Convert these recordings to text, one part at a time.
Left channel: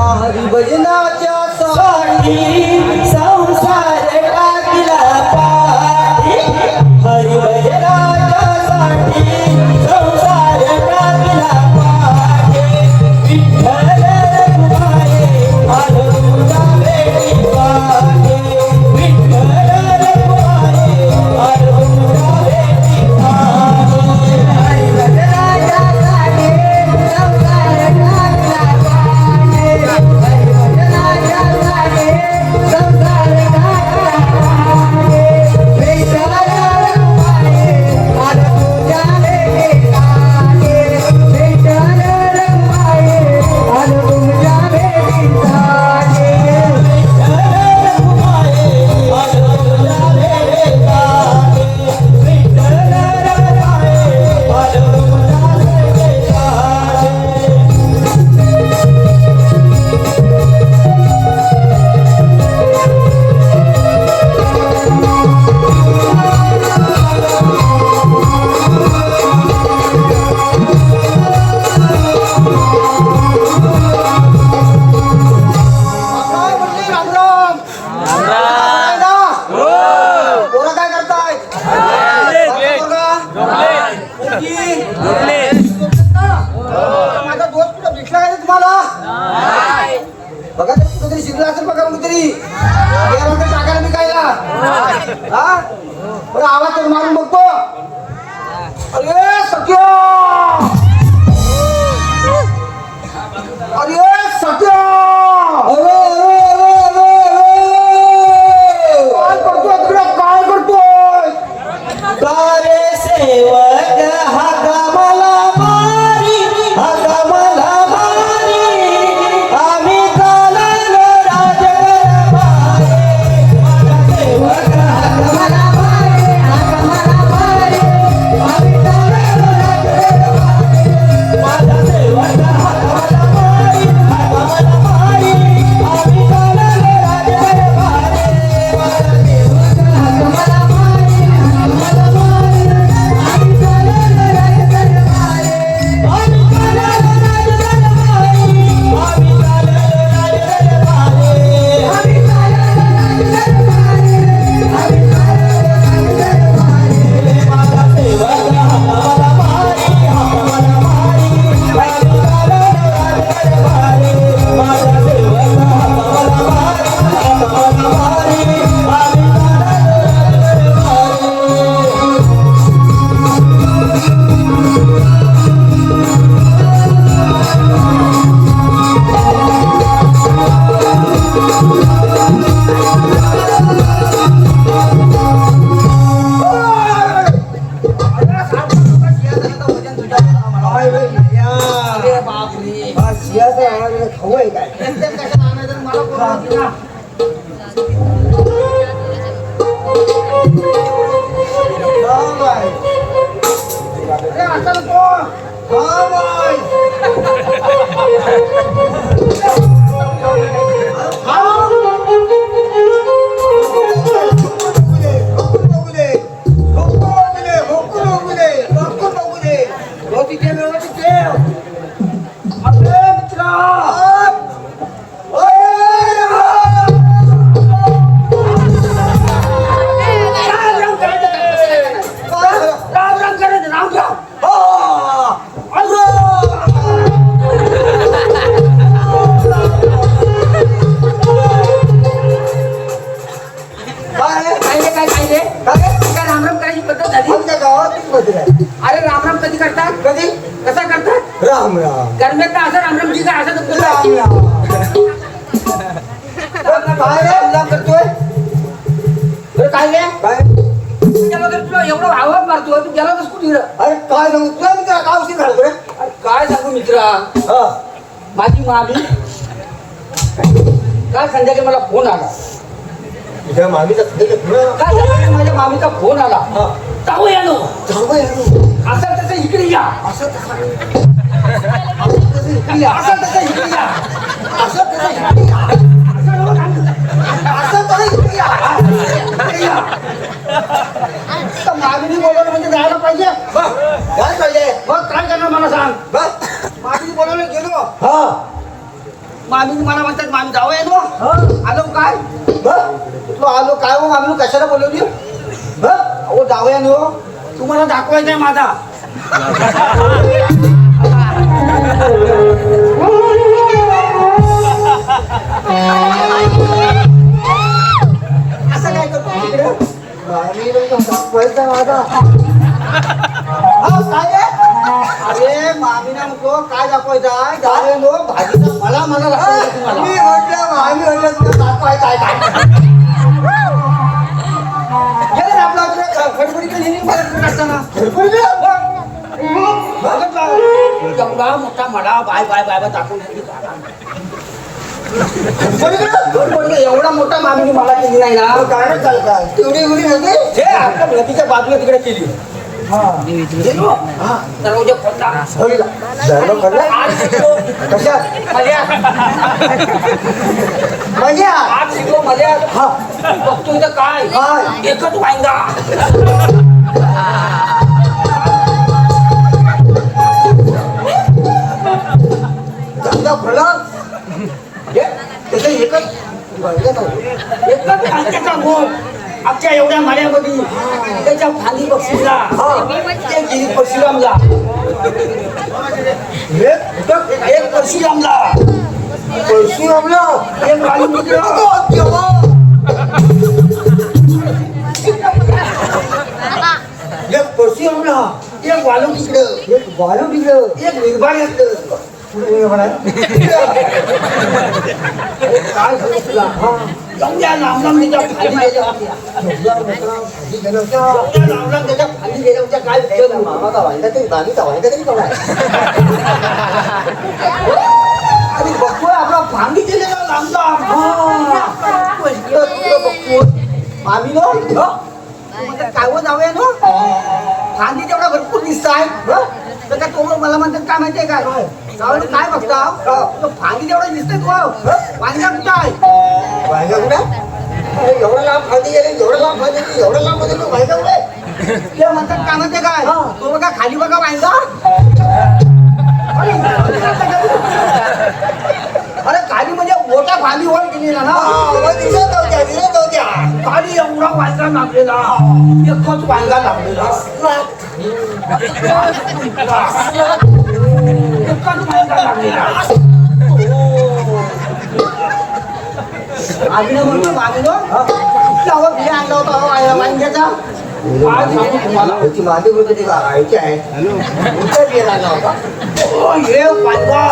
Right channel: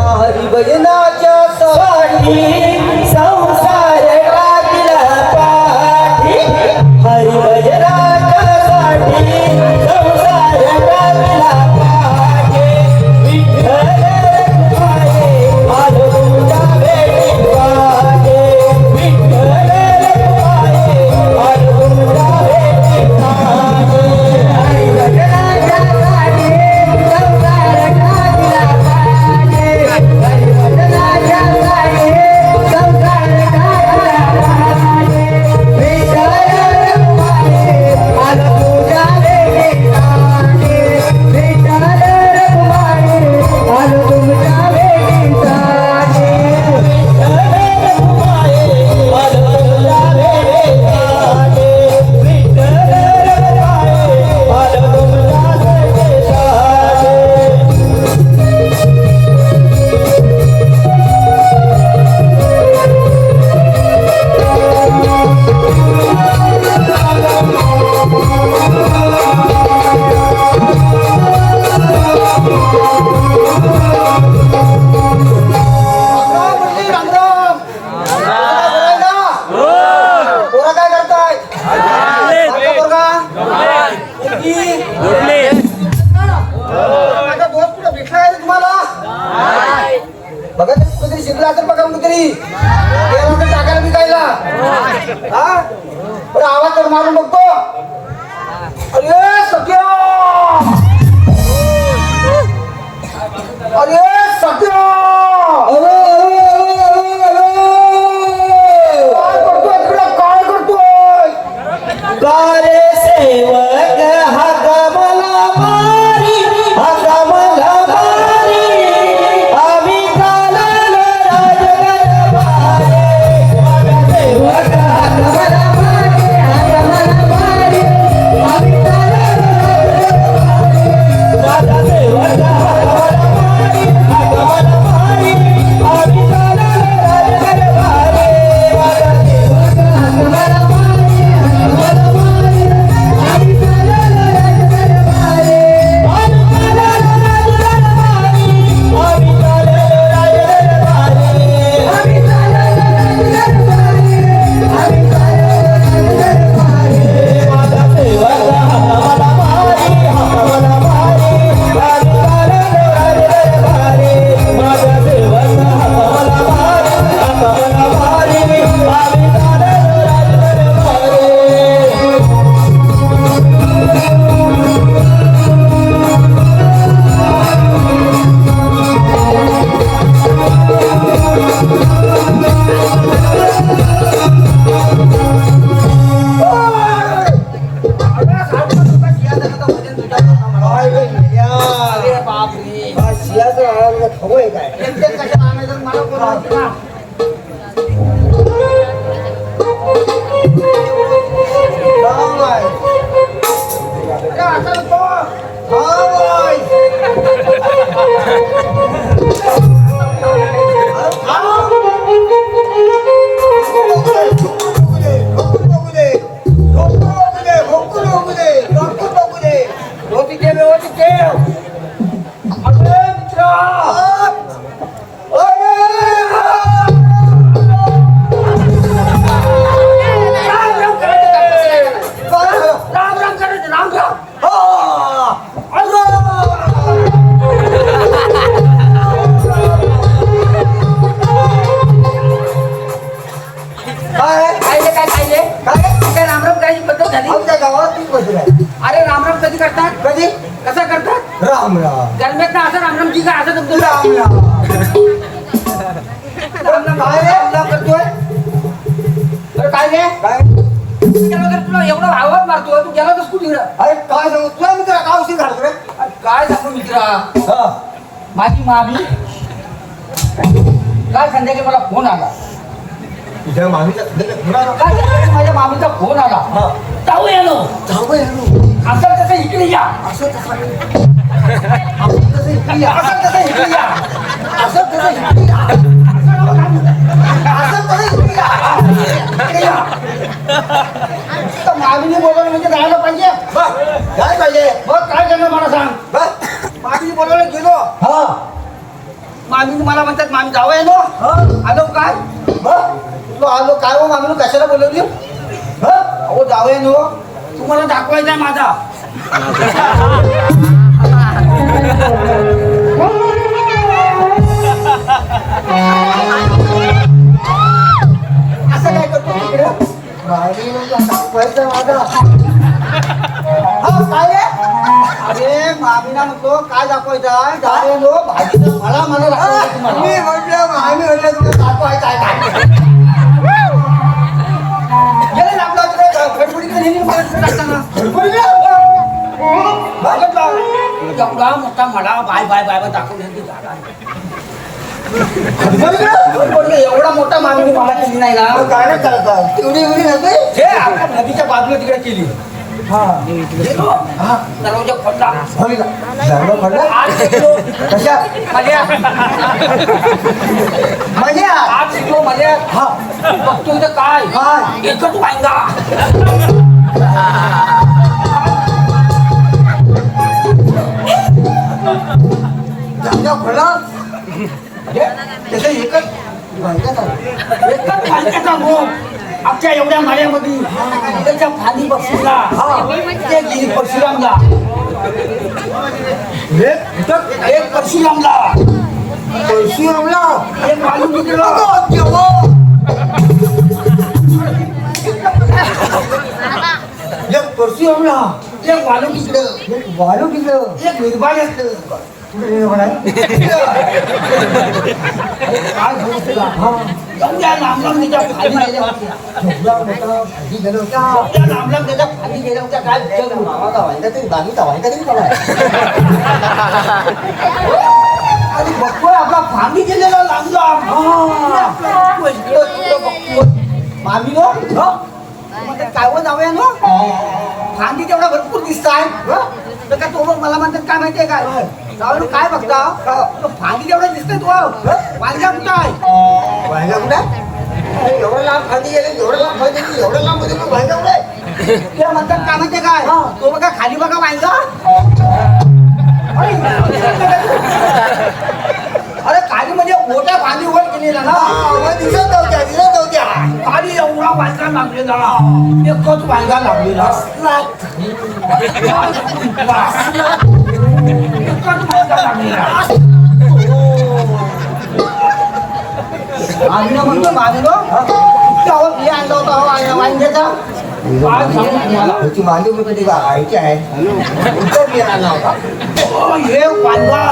हरिभजनाच्या सवारी संसार टाकला पाठी हरिभजनाच्या साठी संसार टाकला पाठी विठ्ठल रखुमाई आलो तुझ्या भेटी पाठी विठ्ठल रखुमाई आलो तुझ्या भेटी पाठी हरिभजनाच्या साठी संसार टाकला बघा कुठेतरी शिकला असेल बघा कुठेतरी टाकायला निघायला हा आवाज करून मारून बघतो अरे सत्य अरे सत्य काय करतोय काय करतोय कार्य सेवक हा गमला मारी हा गमला मारी आम्ही चाललो राजगरबारी माझा सेवक हा गमला मारी हा गमला मारी आम्ही चाललो राजगरबारी माझा सेवक हा गमला मारी हा गमला मारी आम्ही चाललो राजगरबारी माझा सेवक हा गमला मारी हा गमला मारी आम्ही चाललो राजगरबारी आम्ही चाललो राजगरबारी आम्ही चाललो राजगरबारी आम्ही चाललो राजगरबारी आम्ही चाललो राजगरबारी माझा सेवक हा गमला मारी हा गमला मारी आम्ही चाललो राजगरबारी माझा सेवक हा गमला मारी हा गमला मारी आम्ही चाललो राजगरबारी अरे रामराम कधी करतात कधी कसा करतात राम राम गरम्यात असं रामराम जी काय असं राम राम राम राम करतोय अरे काय रे काय गेला तर तुला एवढं आवाज मारतोय तू गेला तर कुठे अरे काय सांगू तुला मित्रा काय उशीर घालतो रे अरे काय सांगू मित्रा माझी मामी काल संध्याकाळी मला फोन आला तुझ्या मामीचा फोन आला काल संध्याकाळी माझ्या मामीचा फोन आला ताऊ येलो असं तसं इकडे या असं तसं इकडे या असं तसं इकडे या असं तसं इकडे या असं तसं इकडे या मामीने बोलवलं म्हणजे जायला पाहिजे. काय पाहिजे बघ, काय करणार मला सांग. बस मामीने बोलवलं गेलो. हा मामी मला म्हणतात मामी जावं आहे नो. आलो काय तू आलो काय हो मामी कशाला बोलवली. हो जावं आहे नो, तुम्हाला दाखवायचा आहे माझा. असं काय करतो तिकडे मामी दाखवायचा माझा. काय अरे मामीना म्हणतो काय दाखवायचं आहे. जावे नो भाजीचा मला मला दाखवायचं तुम्हाला. मी म्हटलं मामी म्हटलं तुला दाखवायचं आहे का. एवढा मोठा मला बाय बाय बाय बाय दाखवून एवढा मोठा मामी मला केली नाही ना. काय तेवढी एवढी नव्हते आपल्या नदीच्या बाजूला तिकडे केली. दरवाजा खोलला कशा मजा मजा आज शिकलो मजा. बघतो इथं काय एकच वांगा. धंदा खोला त्याचं एकच वांग्याचा गोप आमच्या एवढ्या माड्यामध्ये त्याच्या फांदी बक्षीला परशुरामला एक परशुरामला एक वालू एक परशुरामला एक वालू तिकडं एक निर्भय असतं. काय लांबलांब त्याच्या खाली गेल्या होत्या. लांबलांब त्याच्या खाली गेल्या होत्या. काय मामाचा वाहिदा तरी बालीचा वाहिदा तरी बघा. अरे बघतोय आपला फांदी गेलेला लांबलांब बघतोय. मामी नो काय व जाऊया नो फांदी तेवढा भरपूर दिसत आहे. तर तो मला म्हणतात काय माहितीये काय जाऊ काय बघता फांदी तेवढं दिसतंय. तू वांग्या कुठं आहे. वांग्या कुठे एवढं लांब फांदी गेले एवढं लांब फांदी गेली एवढं लांब मध्ये वांग्या कुठे ते म्हणतात काय माहितीये काय तो बघा खाली बघा वांगा. अरे खाली म्हणजे मोठ्या फांदी वर गेलेला ना दिसत नव्हत्या खाली एवढा वांगा लागलेला एकच वांगा लागलेला आम्ही म्हणतो मागलो त्यावर बिया आणला होता वांग्याचा. काय सांगू तुम्हाला त्याची मांडी म्हणजे ऐकी आहे बिया आणला होता. हे वांगा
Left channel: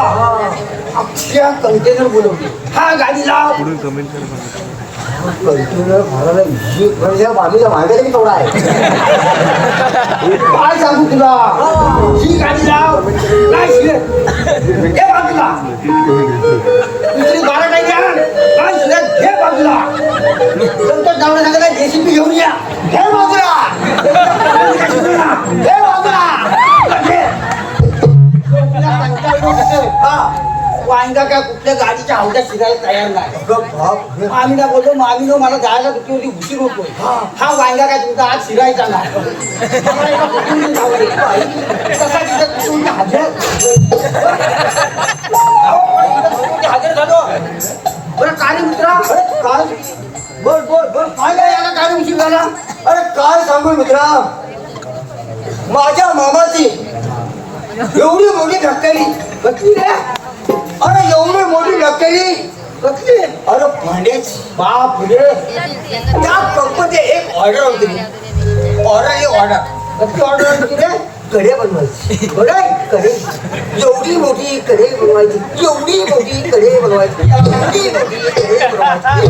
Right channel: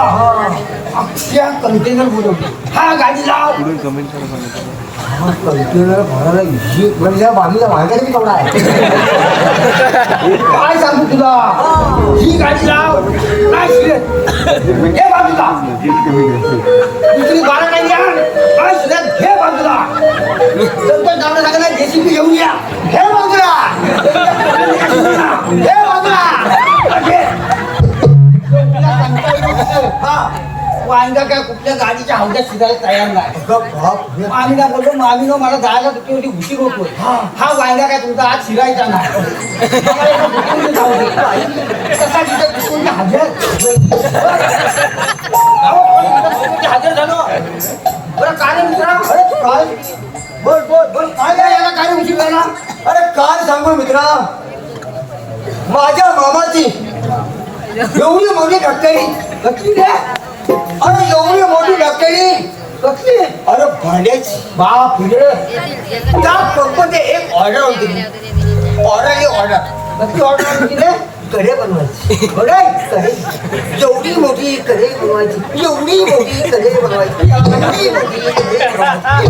अख्ख्या कंटेनर बोलवते. हा गाडी लाव कंटेनर भरायला म्हणजे मामीला वांग्याला बी तेवढा आहे. काय सांगू तुला ही गाडी लाव काय हे बाजूला दुसरी 12 टाइम या काय हे बाजूला संतोष नावला सांगितलं जेसीबी घेऊन या हे बाजूला हे बाजूला वांगा काय कुठल्या गाडीच्या हौद्यात शिजायला तयार नाही. मामीला बोलतो मामीनो मला जायला किती होती उशीर होतो. हा वांगा काय तुमचा आज शिरायचा नाही. हजर झालो बरं काय मित्रा काय बोल बोल बोल काय याला काय उशीर झाला. अरे काय सांगू मित्रा माझ्या मामाची एवढी मोठी ढक्कली कसली रे. अरे एवढी मोठी ढक्कली कसली. अरे भांड्याची बाप रे. त्या कंपनीत एक ऑर्डर होती. ऑर्डर कसली ऑर्डर होती रे. कढे बनवायची कढे एवढी मोठी कढे बनवायची एवढी मोठी कढे बनवायची एवढी मोठी कढे बनवायची.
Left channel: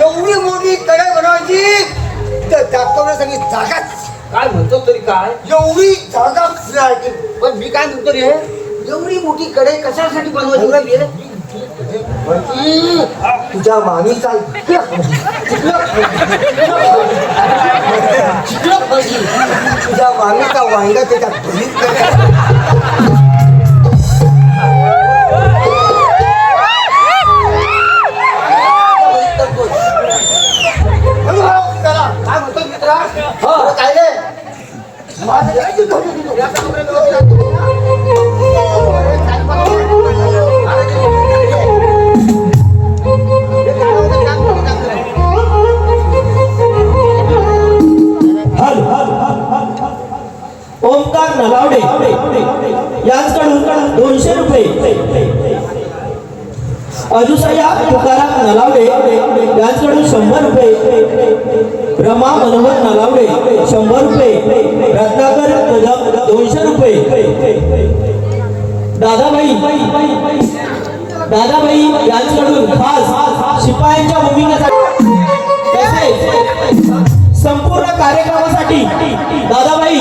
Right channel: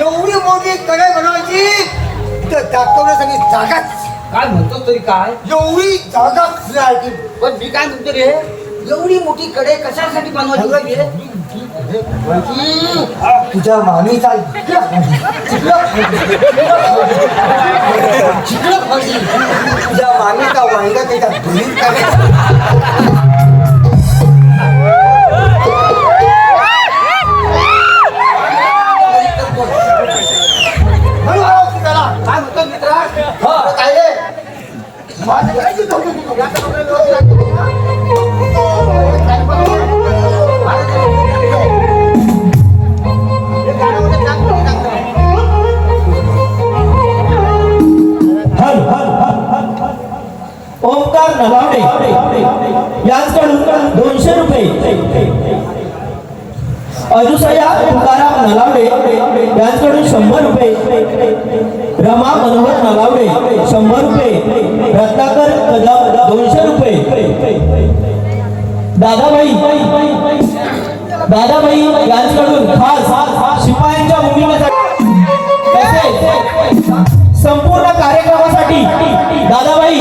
एवढी मोठी कढई बनवायची तर दाखवण्यासाठी जागाच काय म्हणतो तरी काय एवढी जागा फिरायची. पण मी काय म्हणतो रे एवढी मोठी कढई कशासाठी बनवायची रे. तुझ्या मामीचा तुझ्या मामीचा वांगा त्याच्या अजुसया तुकाराम नलावडे यांच्याकडून 100 रुपये, रमा मनोहर नलावडे 100 रुपये, रत्नाकर कदम 200 रुपये, दादाबाई यांच्याकडून खास शिपायांच्या भूमिकेसाठी तसेच संपूर्ण कार्यक्रमासाठी दादाबाई